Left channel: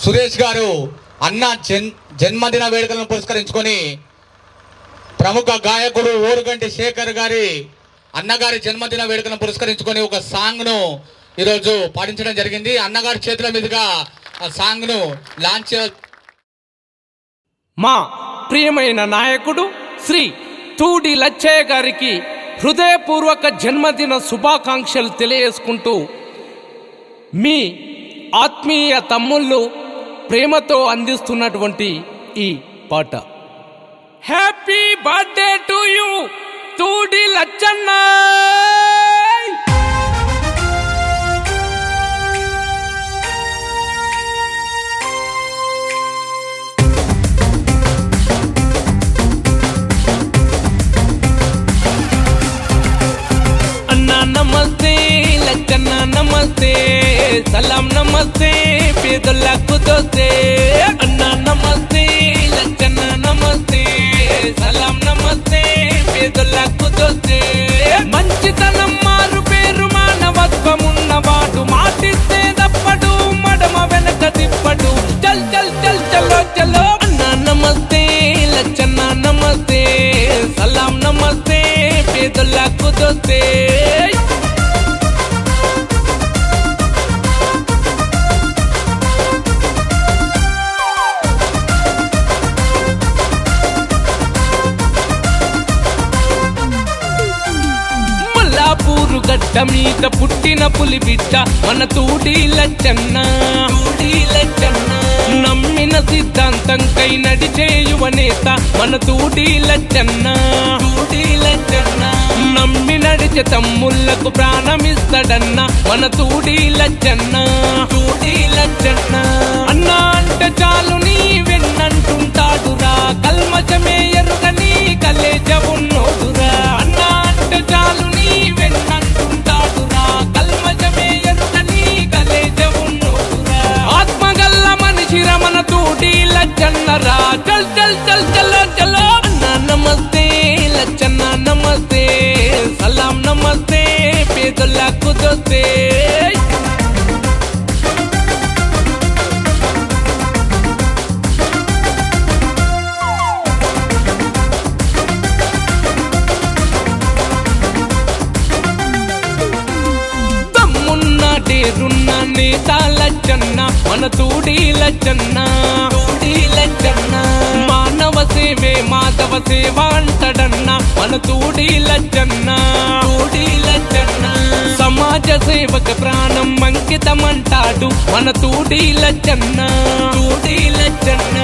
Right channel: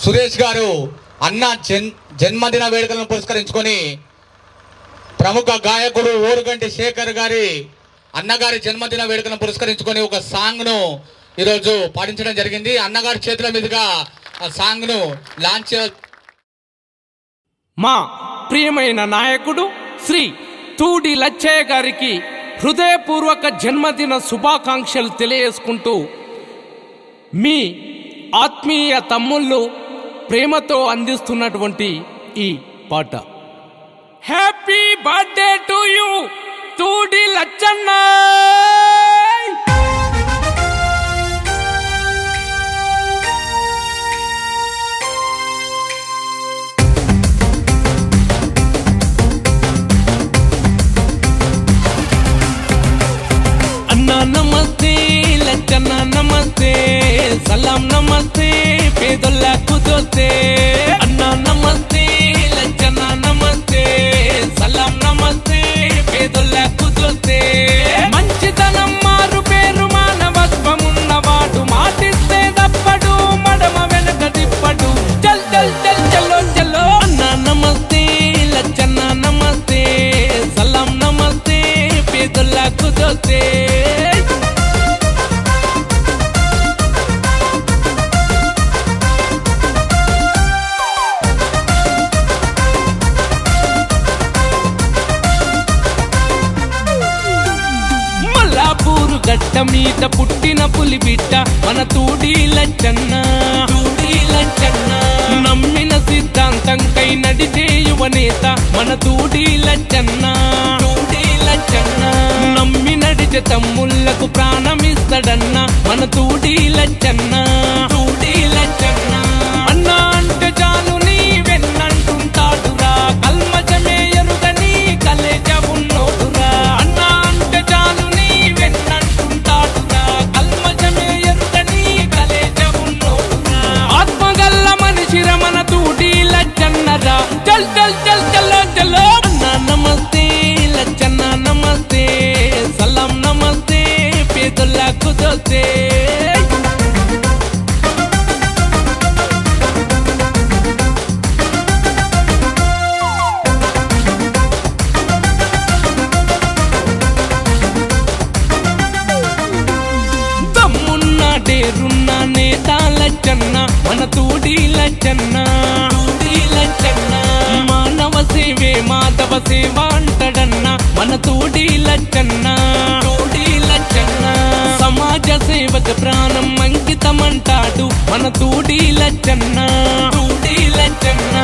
సురేష్ గారు అన్న జన్మదిన వేడుకలను పురస్కరించుకొని ప్రముఖ గాయకుడు ఓరుగంటి శేఖర్ గారి అన్నగారి జన్మదిన వేడుకలను పురస్కరించుకొని ఒక సాంగ్ ను ఈరోజు పాటించడం జరిగింది. అన్నగారి చేతుల మీదుగా ఆ సాంగ్ ను లాంచ్. మా ప్రియమైన నాయకుడు శ్రీ తూడి లచ్చయ్య గారికి హృదయపూర్వక జన్మదిన శుభాకాంక్షలు తెలియజేసుకుంటూ మీ ఆత్మీయ తమ్ముళ్ళు ప్రేమతో అందిస్తున్నటువంటి ఈ పాట. Happy birthday to you Thudi Lachanna. అన్నా నమస్తే లచ్చన్న నమస్తే, సలాం నమస్తే పేదలకు దోస్తే. అన్నా నమస్తే లచ్చన్న నమస్తే, సలాం నమస్తే పేదలకు దోస్తే. మంచితనం మారు పేరు మానవత్వం ఉన్నవాడు, మాటిస్తే తప్పడు మడమ వెనుక తిప్పడు. చల్ చల్ చల్ చలో చలో. అన్నా నమస్తే లచ్చన్న నమస్తే, సలాం నమస్తే పేదలకు దోస్తే. గట్ట మీద పుట్టిన పులి బిడ్డ మన తూడి లచ్చన్న. తూడి లచ్చన్న నమ్మిన సిద్ధాంతంకై నడిచే యువనేత మన తూడి లచ్చన్న. తూడి లచ్చన్న నమ్మి నడిచే తమ్ముళ్లకు ప్రాణమిస్తాడన్న మన తూడి లచ్చన్న. తూడి లచ్చన్న అన్నా అంటే చాలు నీ వెన్నంటుంటాడురా, కల్మచమే ఎరుగని కలేజ ఉన్నోడురా. అన్నా అంటే చాలు మన తూడి లచ్చన్నరా. చల్ చల్ చల్ చలో చలో. అన్నా నమస్తే లచ్చన్న నమస్తే, సలాం నమస్తే పేదలకు దోస్తే. దమ్మున్నాడేరున్న నేత లచ్చన్న మన తూడి లచ్చన్న. తూడి లచ్చన్న మానవ సేవే మాధవ సేవ అంటడన్న మన తూడి లచ్చన్న. తూడి లచ్చన్న సమాజ సేవక ప్రాణం అంకితమంటాడు మన తూడి లచ్చన్న. తూడి లచ్చన్న